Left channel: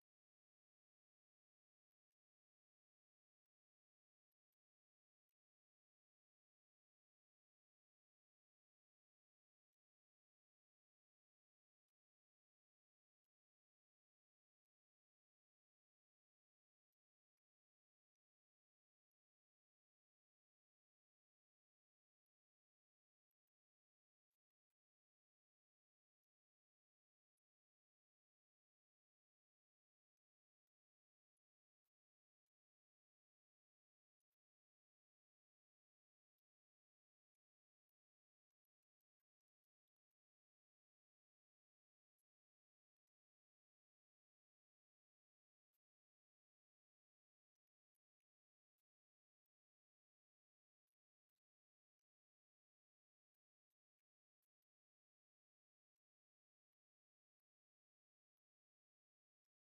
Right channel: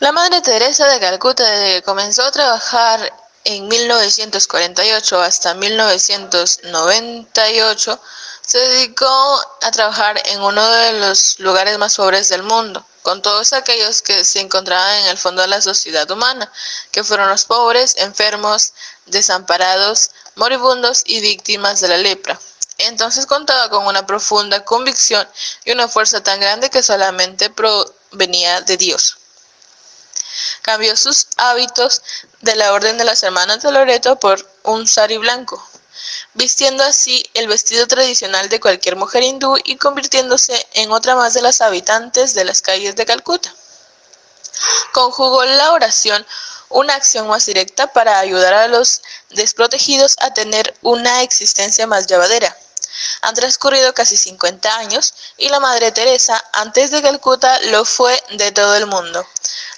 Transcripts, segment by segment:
La Madre Teresa de Calcuta, desde que comenzó a trabajar en 1948 hasta 1998, se dedicó a trabajar en uno de los lugares más pobres del mundo, con todos aquellos que se encontraban en el fondo de la sociedad humana, que fueron los pobres, enfermos, desamparados, moribundos y víctimas de la lepra. Entonces contaba con una profunda convicción y una fuerza tan grande que solamente provenía de Dios. Cambió sus hábitos de la Orden de las Hermanas de Loreto por un sari blanco, vistiendo así el vestido tradicional de cualquier mujer hindú y convirtiéndose en otra más de las habitantes de las calles de Calcuta. Conjugó la oración, una acción más directa para ayudar a los desprotegidos a tener una existencia más llevadera. Han transcurrido casi 50 años y la Madre Teresa, antes de Calcuta, lo fue de todo el mundo.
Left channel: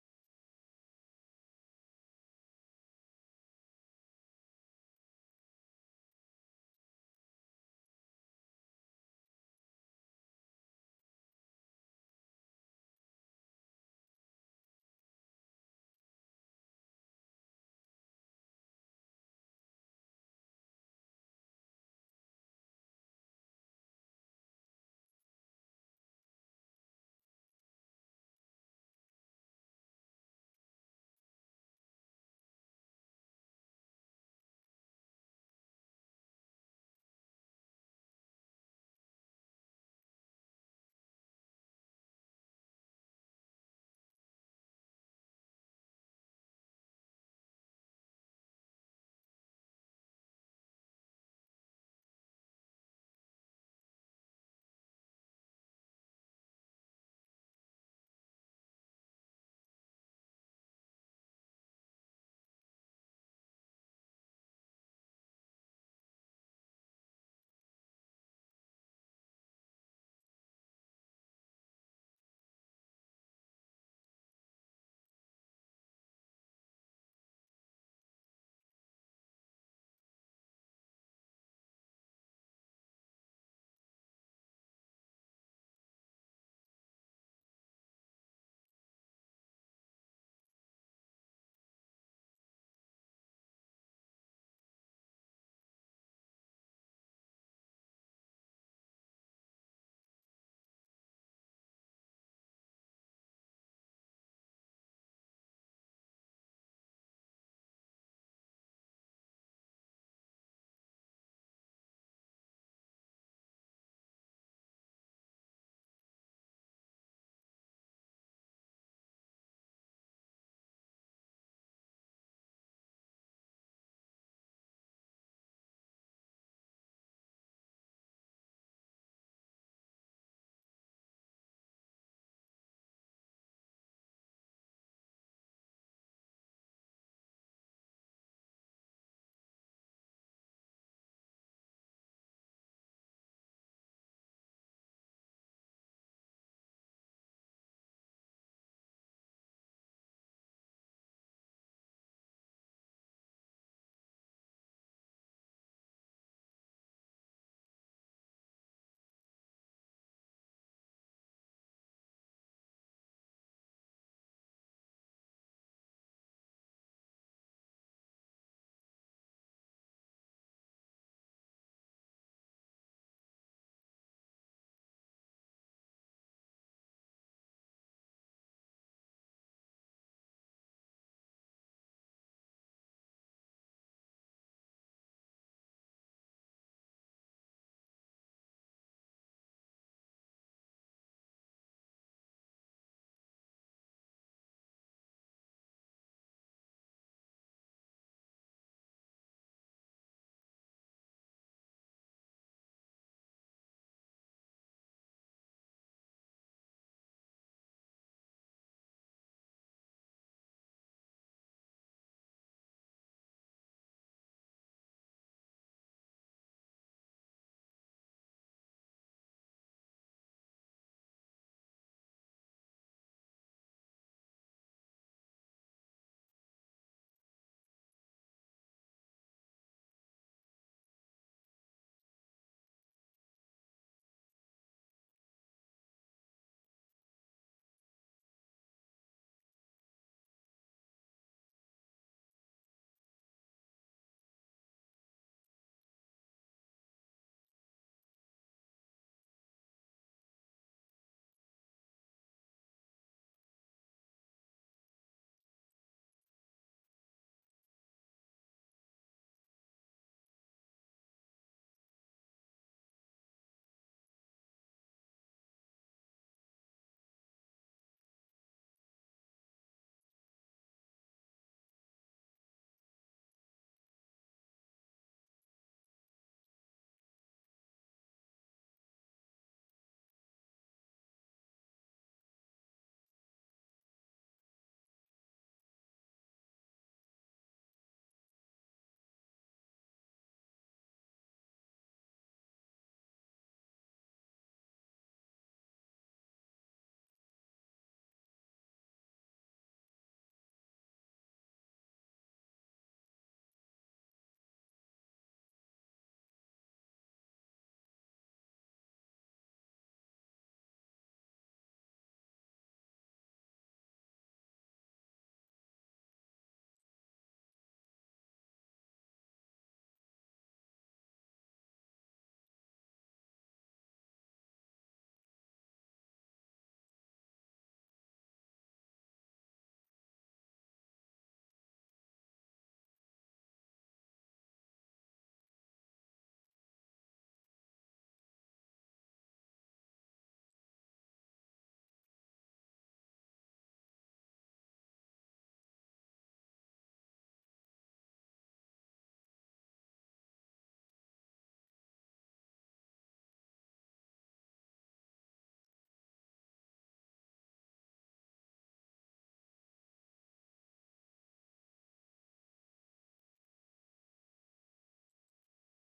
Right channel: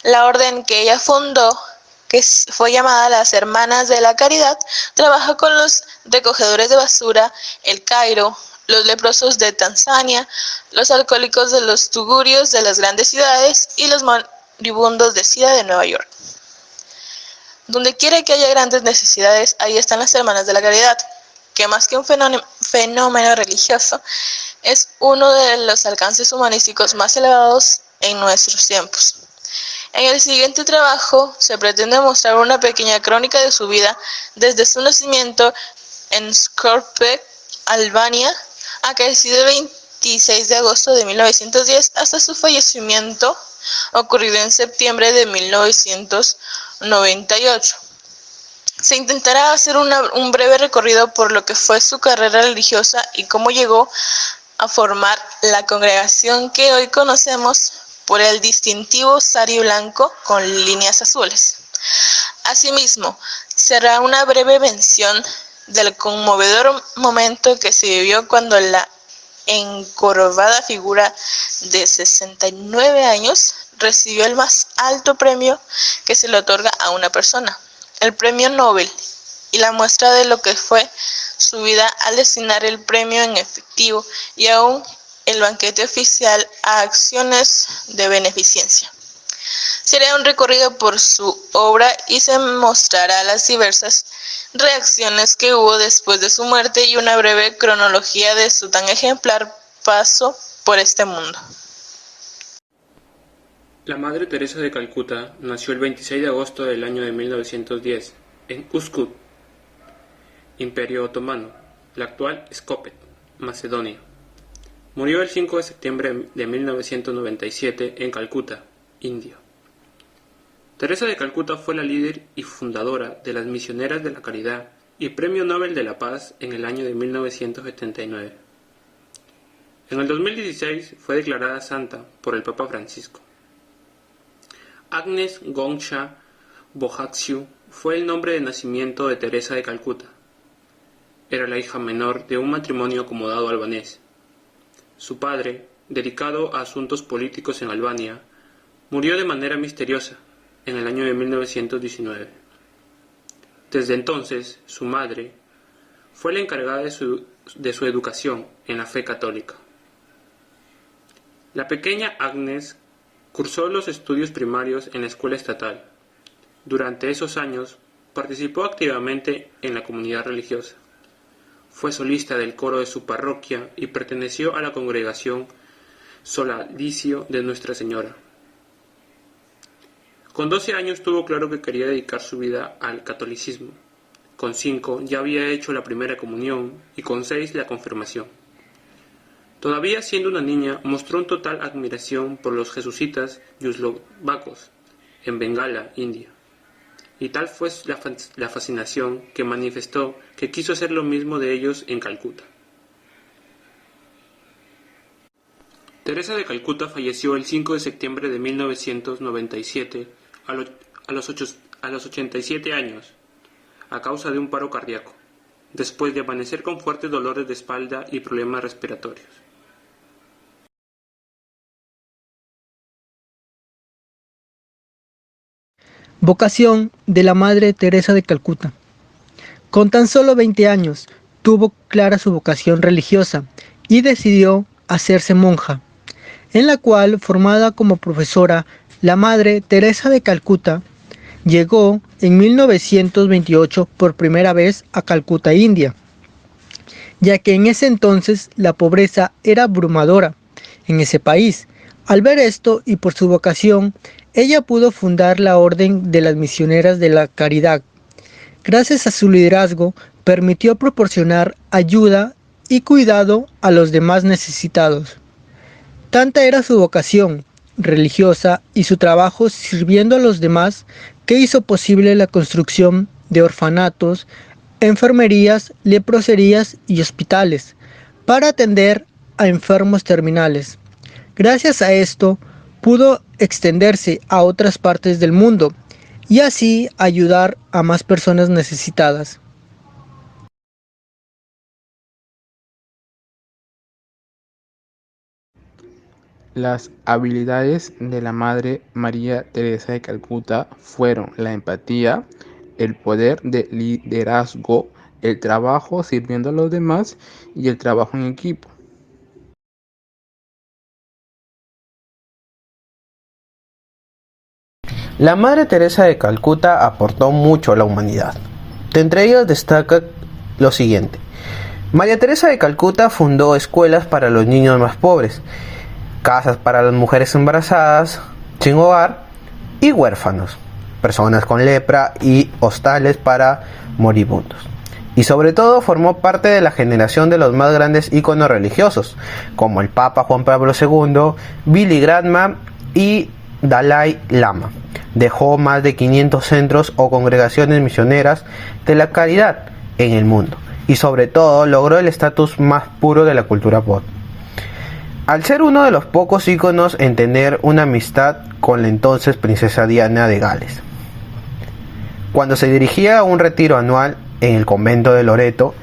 La orden que ella fundó, que fue llamada las Hermanas de la Caridad, trabaja con los recogedores de basura, el Cairo, los leprosos de Tanzania, los alcohólicos de los tugurios de las grandes ciudades y los moribundos de SIDA de Nueva York. Donde quiera que haya grandes necesidades, ahí están las Hermanas de la Caridad, que más que un fenómeno religioso, es uno de los alcances humanísticos más elevados en nuestros tiempos. En el siguiente trabajo se pretende mostrar una pequeña crónica de su vida desde su nacimiento en Skopje, Albania, acaecido el 26 de agosto de 1910 hasta su fallecimiento ocurrido en septiembre de 1998. Se intentará hacer un breve recorrido por lo que fue su carrera religiosa y cómo llegó a formar la congregación que hoy conocemos por el distintivo sari blanco con líneas azules. Asimismo, se hará una breve mención del conmovedor momento que se vivió cuando la encorvada figura de 69 años recibió el más alto premio que se le otorga a una persona, el Premio Nobel, y la muestra de lo que fue su vida al destinar el premio en efectivo y aún el banquete oficial a acciones de beneficencia. Se hará un recorrido por su obra y se mostrará las diversas reacciones que hubo después de su muerte y una breve cronología de su tan ejemplar paso por este mundo. La Madre Teresa de Calcuta nació el 26 de agosto del año de 1910 en Uskut, Imperio Otomano, la actual Skopje, Macedonia. Murió el 5 de septiembre de 1997 en Calcuta, India. Teresa de Calcuta fue la líder y fundadora de las Misioneras de la Caridad y Premio Nobel de la Paz en el año de 1979. En el 2016 fue declarada santa por el Papa Francisco. Agnes Gongsha Bojaxiu fue el nombre de nacimiento de Teresa de Calcuta. Era la hija menor de un matrimonio acomodado albanés. Su padre, dedicado a asuntos políticos en Albania, murió de manera misteriosa en el año de 1919. Desde entonces, su madre fue la encargada de su educación en la fe católica. La pequeña Agnes cursó los estudios primarios en la escuela estatal. Durante esos años, participó activamente en la comunidad religiosa. Fue solista del coro de su parroquia y perteneció a la congregación Solalicio de Nuestra Señora. Con 12 años tuvo claro que quería dedicar su vida al catolicismo. Con 5 ya había hecho la primera comunión y con 6 la confirmación. Todavía siendo una niña, mostró una total admiración por los jesuitas yugoslavos en Bengala, India. Y tal fue la fascinación que manifestó que quiso hacer lo mismo de ellos en Calcuta. Teresa de Calcuta falleció el 5 de septiembre de 1997 a los 87 años, a causa de un paro cardíaco, después de amanecer con fuertes dolores de espalda y problemas respiratorios. Vocación de la Madre Teresa de Calcuta. Con tan solo 20 años, tuvo clara su vocación religiosa y decidió hacerse monja, en la cual, formada como profesora, La Madre Teresa de Calcuta llegó en 1928 por primera vez a Calcuta, India, ya que en ese entonces la pobreza era abrumadora en ese país. Al ver esto y por su vocación, ella pudo fundar la Orden de las Misioneras de la Caridad. Gracias a su liderazgo, permitió proporcionar ayuda y cuidado a los demás necesitados. Tanta era su vocación religiosa y su trabajo sirviendo a los demás que hizo posible la construcción de orfanatos, enfermerías, leproserías y hospitales para atender a enfermos terminales. Gracias a esto, pudo extenderse a otras partes del mundo y así ayudar a más personas necesitadas. Las habilidades de la Madre María Teresa de Calcuta fueron la empatía, el poder de liderazgo, el trabajo sirviendo a los demás y el trabajo en equipo. La Madre Teresa de Calcuta aportó mucho a la humanidad. De entre ellas destaca lo siguiente. María Teresa de Calcuta fundó escuelas para los niños más pobres, casas para las mujeres embarazadas, sin hogar y huérfanos, personas con lepra y hostales para moribundos. Y sobre todo formó parte de la generación de los más grandes íconos religiosos, como el Papa Juan Pablo II, Billy Graham y Dalai Lama. Dejó más de 500 centros o congregaciones misioneras de la caridad en el mundo y sobre todo logró el estatus más puro de la cultura pop. Al ser uno de los pocos íconos en tener una amistad con la entonces princesa Diana de Gales. Cuando se dirigía a un retiro anual en el convento de Loreto,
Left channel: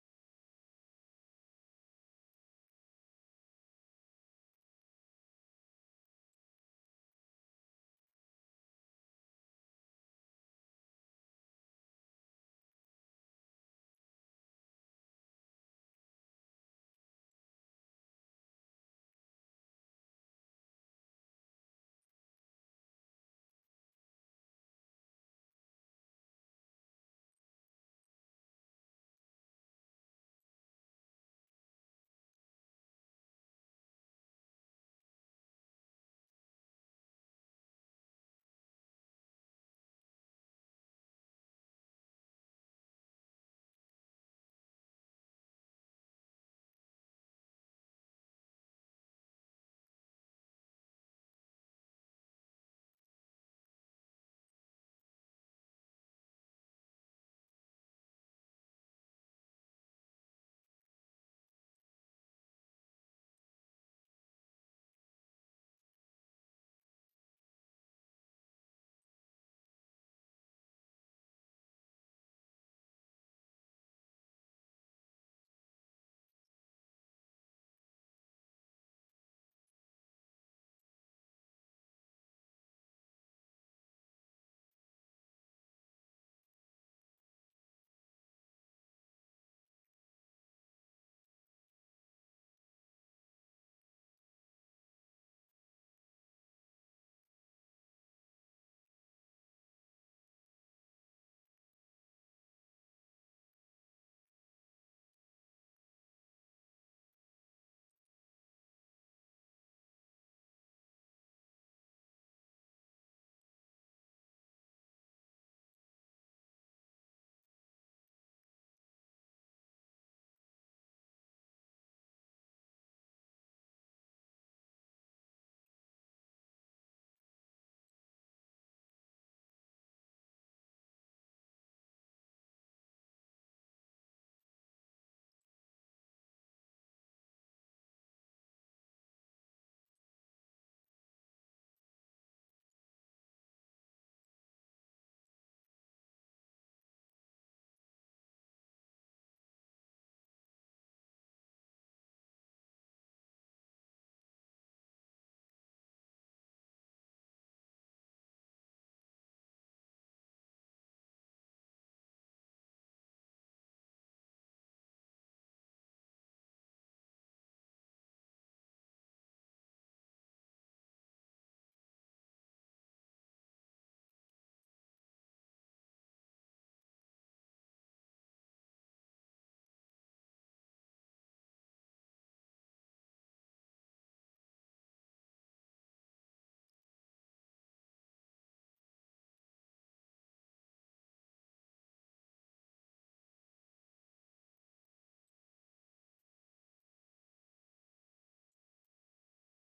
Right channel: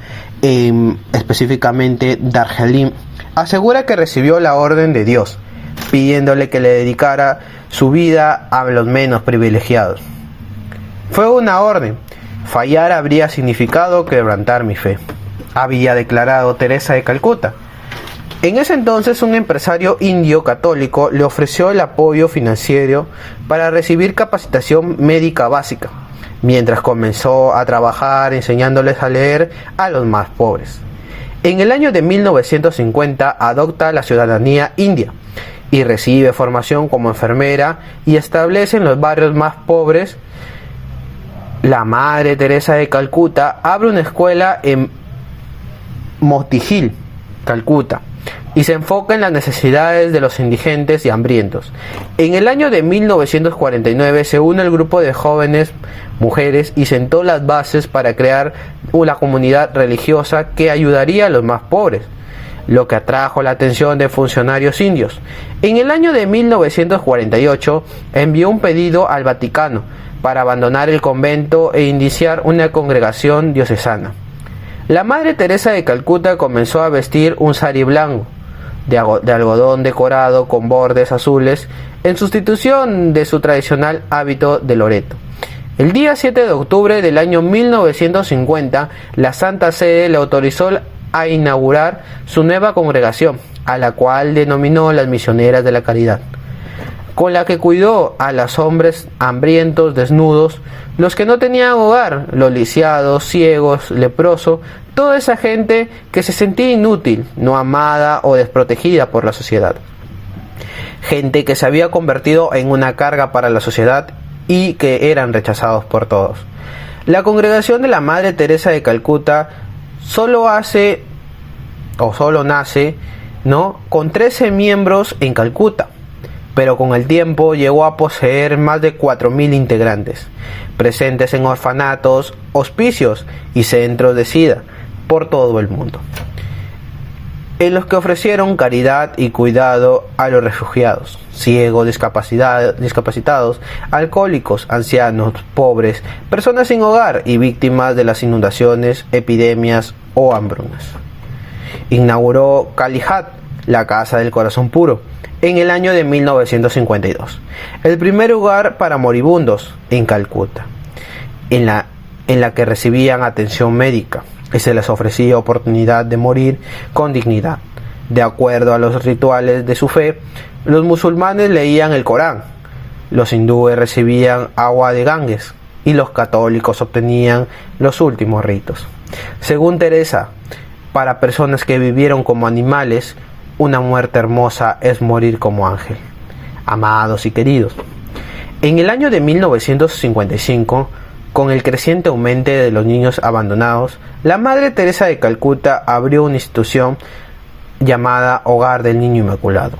específicamente Darjeeling, asegura que recibió la orden de Dios, pidiéndole que le dedicara su vida a los menos privilegiados. Fue una orden. Fallar habría significado quebrantar mi fe, había declarado Teresa de Calcuta. En ese entonces un empresario indio católico le ofreció el apoyo financiero para recibir capacitación médica básica, mientras comenzó a trabajar enseñándoles a leer a los más pobres. En el año de 1950 adopta la ciudadanía india y recibe formación como enfermera y establece en los barrios más pobres. La Madre Teresa de Calcuta abre una escuela en Motihil, Calcuta, y se enfoca en las necesidades de los indigentes y hambrientos. En el año de 1949 se une el grupo de jóvenes mujeres y sentó las bases para crear una comunidad religiosa que ayudaría a los más pobres, lo que atrajo la atención de funcionarios indios. En el año de 1948 envió un pedido al Vaticano para abandonar el convento e iniciar una congregación diocesana. La Madre Teresa de Calcuta comenzó a vestir un sari blanco de algodón decorado con bordes azules en sustitución de su tradicional hábito de loreto. El día 7 de octubre del año 1950, la Santa Sede le autorizó a inaugurar su nueva congregación, a la cual denominó las Misioneras de la Caridad, con la que cuidó a los hombres hambrientos, desnudos, los que no tenían hogar, los lisiados, ciegos, leprosos, toda esa gente que se sentía inútil, no amada o desprotegida por la sociedad. Gente que se había convertido en una carga para la sociedad y que eran rechazados por todos. La congregación de la Madre Teresa de Calcuta solo nace, con 13 miembros en Calcuta, pero con el tiempo llegó a poseer más de 4.000 integrantes, presentes en orfanatos, hospicios y centros de SIDA por todo el mundo, en los que ofrecieron caridad y cuidado a los refugiados, ciegos, discapacitados, alcohólicos, ancianos, pobres, personas sin hogar y víctimas de las inundaciones, epidemias o hambrunas. Inauguró Kalihat, la Casa del Corazón Puro, en el año de 1952, el primer hogar para moribundos en Calcuta, en la que recibían atención médica y se les ofrecía oportunidad de morir con dignidad. De acuerdo a los rituales de su fe, los musulmanes leían el Corán, Los hindúes recibían agua de Ganges y los católicos obtenían los últimos ritos. Según Teresa, para personas que vivieron como animales, una muerte hermosa es morir como ángel. Amados y queridos, en el año de 1955, con el creciente aumento de los niños abandonados, la Madre Teresa de Calcuta abrió una institución llamada Hogar del Niño Inmaculado,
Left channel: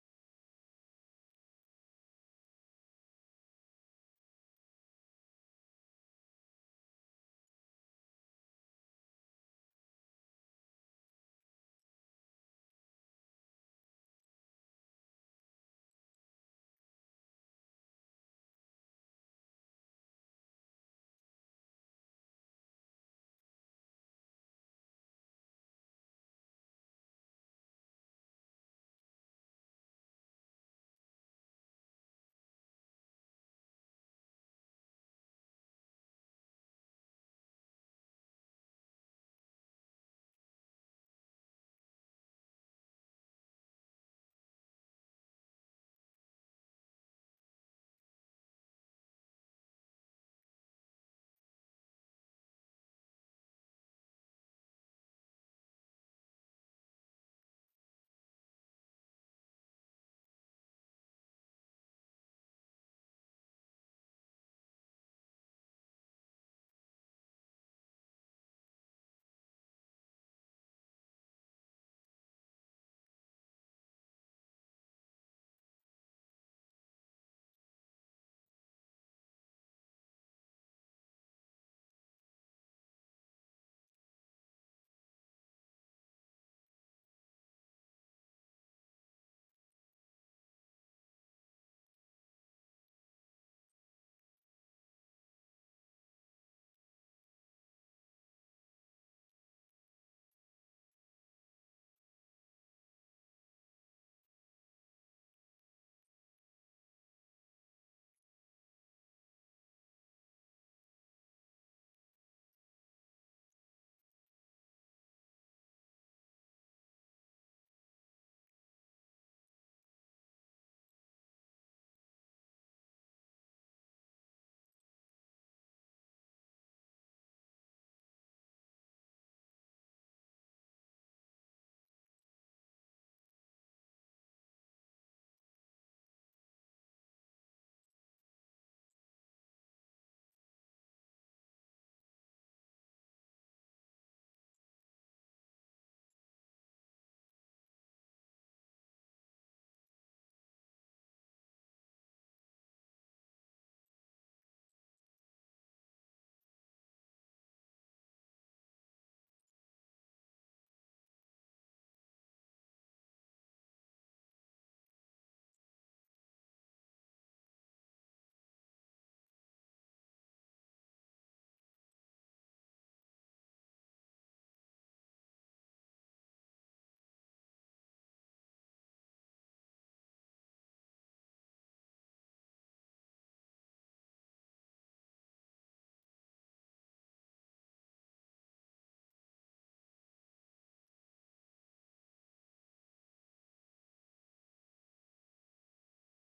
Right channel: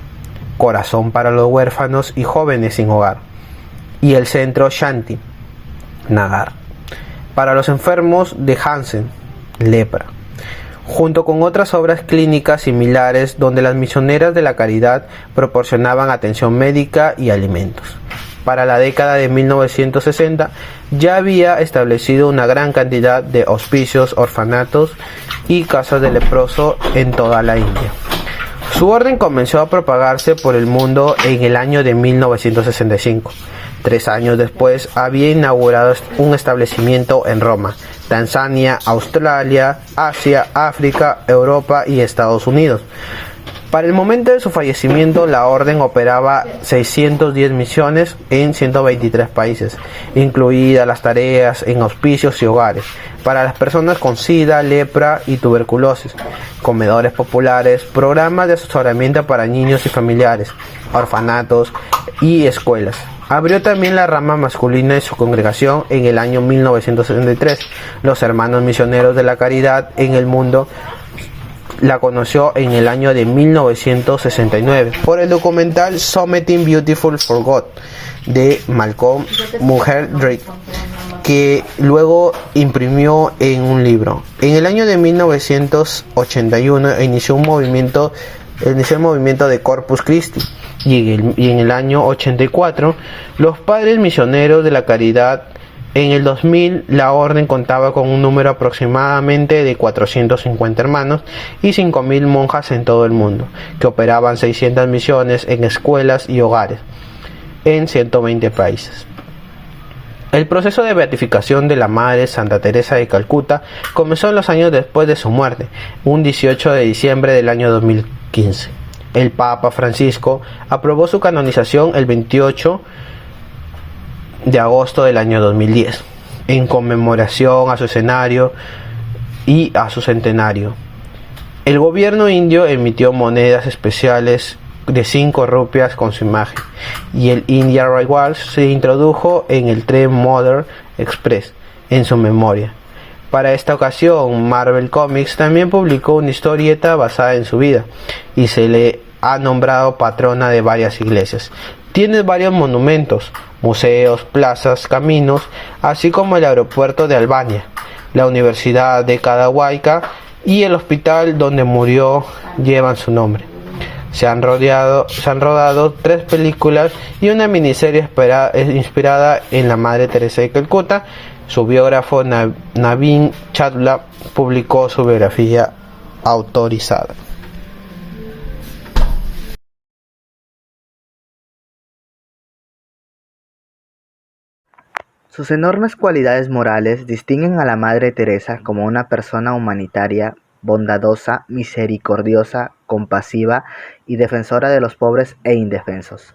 Corazón para los huérfanos y jóvenes sin hogar, y el centro Shanti Nagar para los enfermos de Hansen, lepra, junto con otras obras clínicas similares donde las misioneras de la caridad proporcionaban atención médica y alimentos. Para la década de 1960 ya había establecido una gran cantidad de hospicios, orfanatos y casas de leproso en toda la India. Su orden comenzó a propagarse por el mundo en el año de 1965. 3 años después había inaugurado un establecimiento en Roma, Tanzania, Australia, Asia, África, Europa y Estados Unidos. Para el momento de su fallecimiento, la orden operaba 610 misiones en 123 países, incluidas las tareas en hospicios y hogares, para las personas con SIDA, lepra y tuberculosis, comedores populares, programas de asesoramiento para niños y familiares, orfanatos y escuelas. Abrió también la rama masculina de su congregación en el año 1963. Los hermanos misioneros de la caridad en el mundo la conoció en el año de 1969 por el documental Something Beautiful for God de Malcolm Muggeridge, que luego imprimió en un libro. En el año de 1981 inició el movimiento de Corpus Christi, y en el año 84 los padres misioneros de la caridad. En el 2000 la orden contaba con un número aproximadamente de 450 hermanos y 5.000 monjas en todo el mundo, que operaban 600 misiones en escuelas y hogares en 120 países. El proceso de beatificación de la Madre Santa Teresa de Calcuta comenzó en los años después de su muerte, un 18 de diciembre del año 2015. El Papa Francisco aprobó su canonización el 28 de agosto del año 2010, en conmemoración a su escenario y a su centenario. El gobierno indio emitió monedas especiales de 5 rupias con su imagen, y el India Railway se introdujo en el tren Mother Express en su memoria. Para esta ocasión, Marvel Comics también publicó una historieta basada en su vida, y se le ha nombrado patrona de varias iglesias. Tiene varios monumentos, museos, plazas, caminos, así como el aeropuerto de Albania, la Universidad de Kadawaika y el hospital donde murió llevan su nombre. Se han rodado 3 películas y una miniserie inspirada en la Madre Teresa de Calcuta. Su biógrafo Naveen Chadla publicó su biografía autorizada. Sus enormes cualidades morales distinguen a la Madre Teresa como una persona humanitaria, bondadosa, misericordiosa, compasiva y defensora de los pobres e indefensos,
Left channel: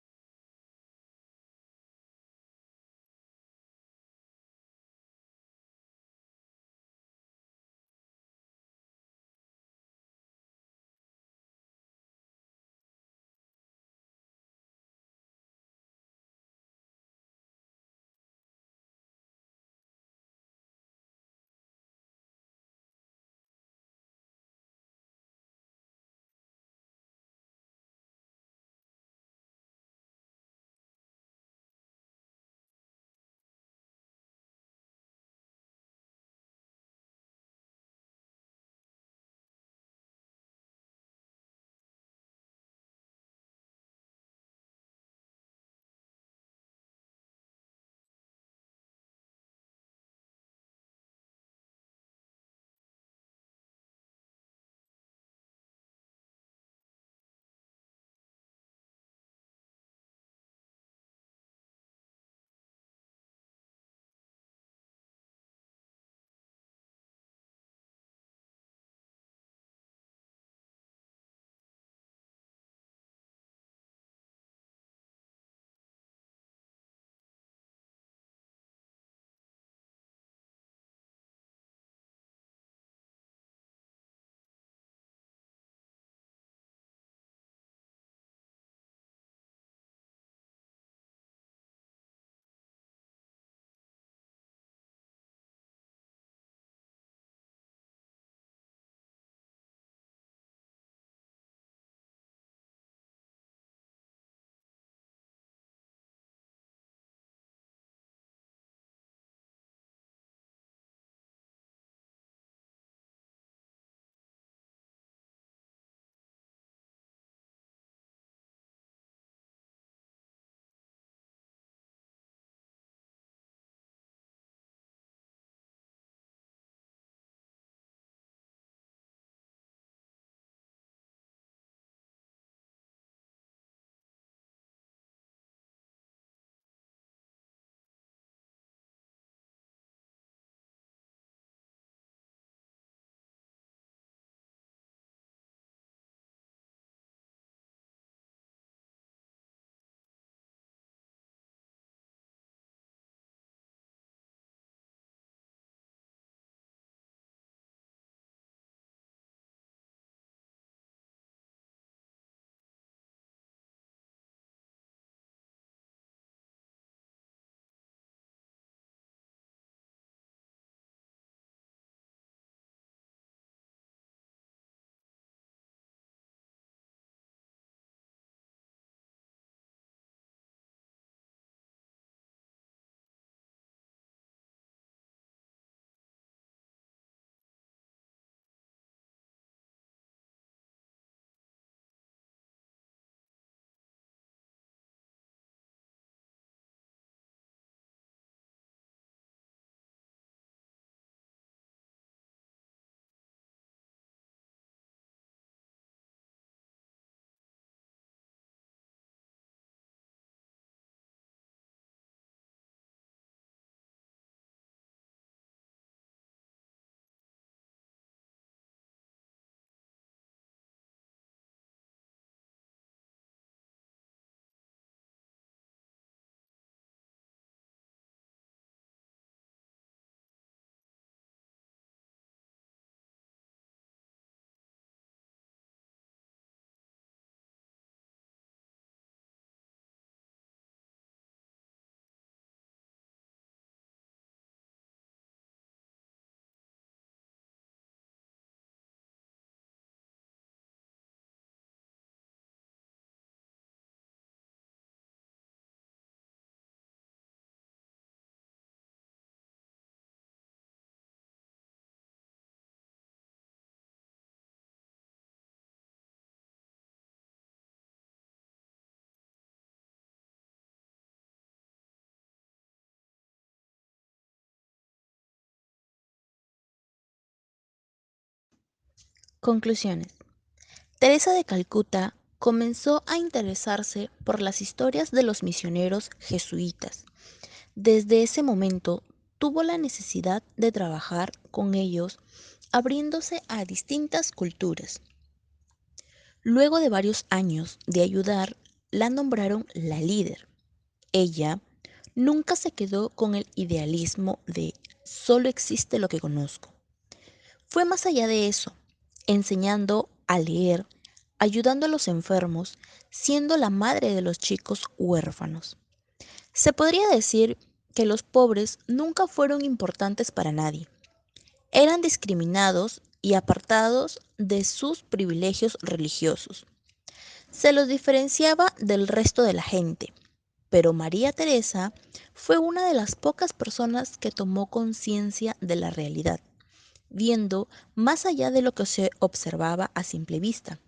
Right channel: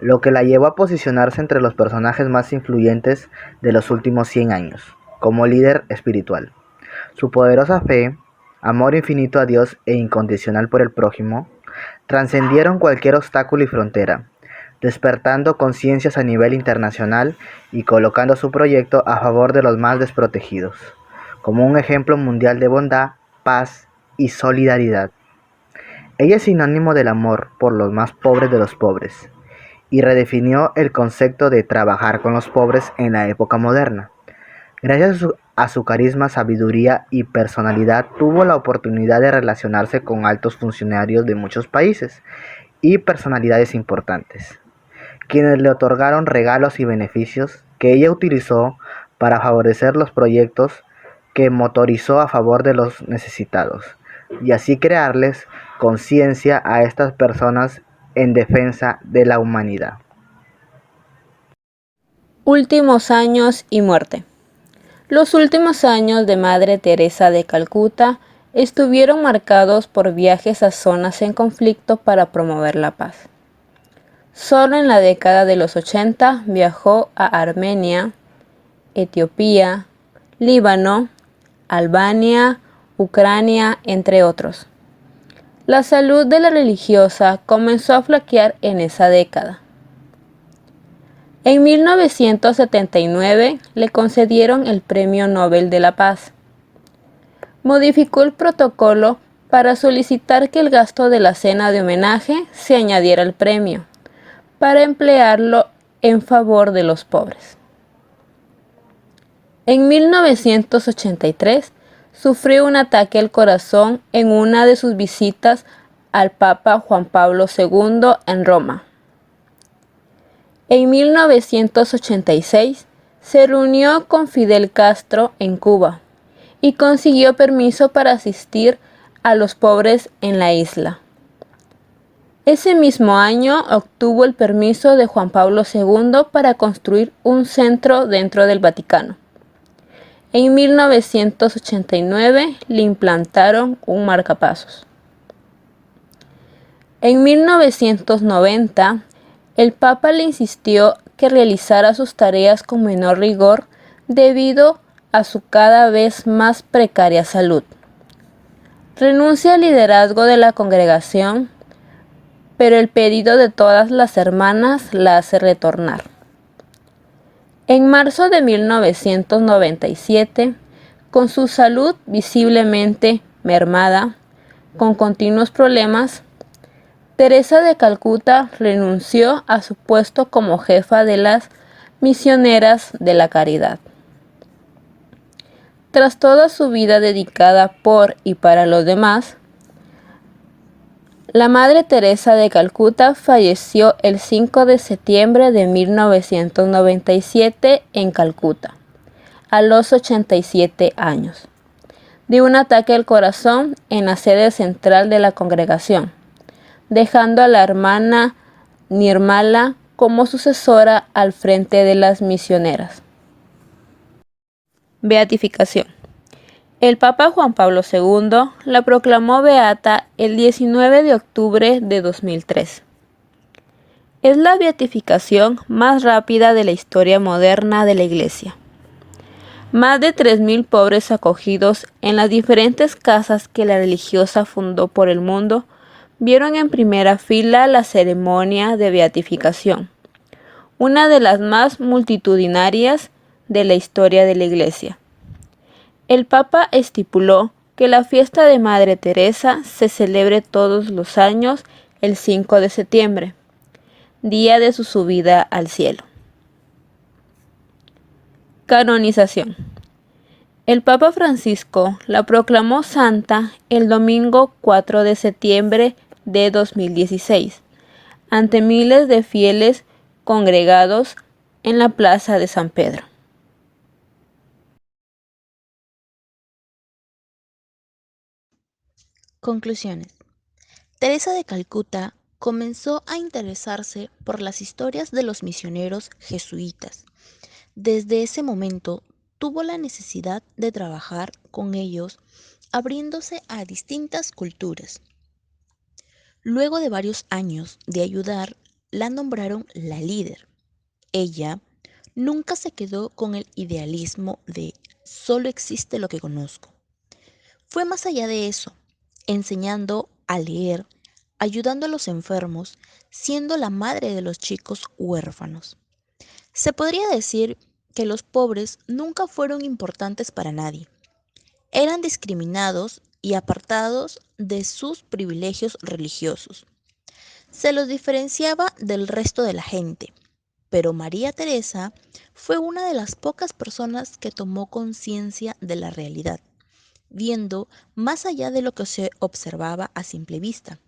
lo que la llevó a posicionarse entre los personajes más influyentes de los últimos 100 años, como líder espiritual. Su poderosa fe, amor infinito a Dios e incondicional por el prójimo, trascendieron cualquier obstáculo y frontera, despertando conciencias a nivel internacional y colocando su proyecto a favor de los más desprotegidos, como un ejemplo mundial de bondad, paz y solidaridad. Ella es sinónimo del amor por los más pobres de los pobres, y redefinió el concepto de trabajar con los pobres en la época moderna. Gracias a su carisma, sabiduría y personalidad, tuvo la oportunidad de relacionarse con altos funcionarios de muchos países y personalidades importantes, quienes le otorgaron regalos y beneficios que ella utilizó para favorecer los proyectos que motorizó a favor de los necesitados, y así crearles conciencia a estas personas en defensa de la humanidad. Últimos años y muerte. Los últimos años de Madre Teresa de Calcuta estuvieron marcados por viajes a zonas en conflicto para promover la paz. Solo en la década de los 80 viajó a Armenia, Etiopía, Líbano, Albania, Ucrania, entre otros. La salud de la religiosa comenzó a flaquear en esa década. En 1979 le concedieron el Premio Nobel de la Paz. Modificó el protocolo para solicitar que el gasto de la cena de homenaje se añadiera al premio, para emplearlo en favor de los pobres. En 1983 sufrió un ataque al corazón en una de sus visitas al Papa Juan Pablo II en Roma. En 1986 se reunió con Fidel Castro en Cuba y consiguió permiso para asistir a los pobres en la isla. Ese mismo año obtuvo el permiso de Juan Pablo II para construir un centro dentro del Vaticano. En 1989 le implantaron un marcapasos. En 1990, el Papa le insistió que realizara sus tareas con menor rigor debido a su cada vez más precaria salud. Renuncia al liderazgo de la congregación, pero el pedido de todas las hermanas la hace retornar. En marzo de 1997, con su salud visiblemente mermada, con continuos problemas, Teresa de Calcuta renunció a su puesto como jefa de las misioneras de la caridad. Tras toda su vida dedicada por y para los demás, la Madre Teresa de Calcuta falleció el 5 de septiembre de 1997 en Calcuta, a los 87 años, de un ataque al corazón en la sede central de la congregación, dejando a la hermana Nirmala como sucesora al frente de las misioneras. Beatificación. El Papa Juan Pablo II la proclamó beata el 19 de octubre de 2003. Es la beatificación más rápida de la historia moderna de la Iglesia. Más de 3.000 pobres acogidos en las diferentes casas que la religiosa fundó por el mundo vieron en primera fila la ceremonia de beatificación, una de las más multitudinarias de la historia de la Iglesia. El Papa estipuló que la fiesta de Madre Teresa se celebre todos los años el 5 de septiembre, día de su subida al cielo. Canonización. El Papa Francisco la proclamó santa el domingo 4 de septiembre de 2016, ante miles de fieles congregados en la Plaza de San Pedro. Conclusiones. Teresa de Calcuta comenzó a interesarse por las historias de los misioneros jesuitas. Desde ese momento tuvo la necesidad de trabajar con ellos, abriéndose a distintas culturas. Luego de varios años de ayudar, la nombraron la líder. Ella nunca se quedó con el idealismo de solo existe lo que conozco. Fue más allá de eso, enseñando a leer, ayudando a los enfermos, siendo la madre de los chicos huérfanos. Se podría decir que los pobres nunca fueron importantes para nadie. Eran discriminados y apartados de sus privilegios religiosos. Se los diferenciaba del resto de la gente, pero María Teresa fue una de las pocas personas que tomó conciencia de la realidad, viendo más allá de lo que se observaba a simple vista,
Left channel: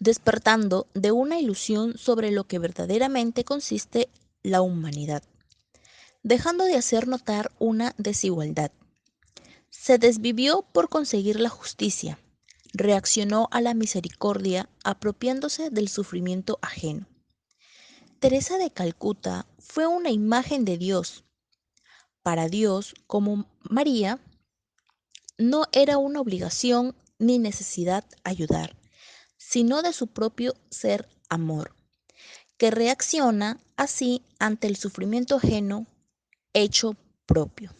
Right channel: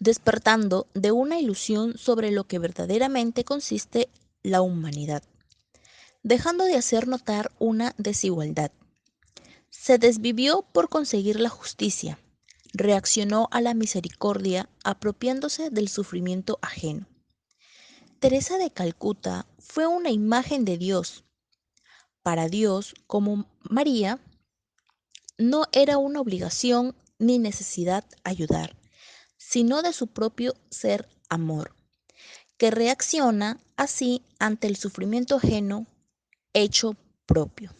despertando de una ilusión sobre lo que verdaderamente consiste la humanidad, dejando de hacer notar una desigualdad. Se desvivió por conseguir la justicia, reaccionó a la misericordia apropiándose del sufrimiento ajeno. Teresa de Calcuta fue una imagen de Dios. Para Dios, como María, no era una obligación ni necesidad ayudar, sino de su propio ser amor. que reacciona así ante el sufrimiento ajeno hecho propio.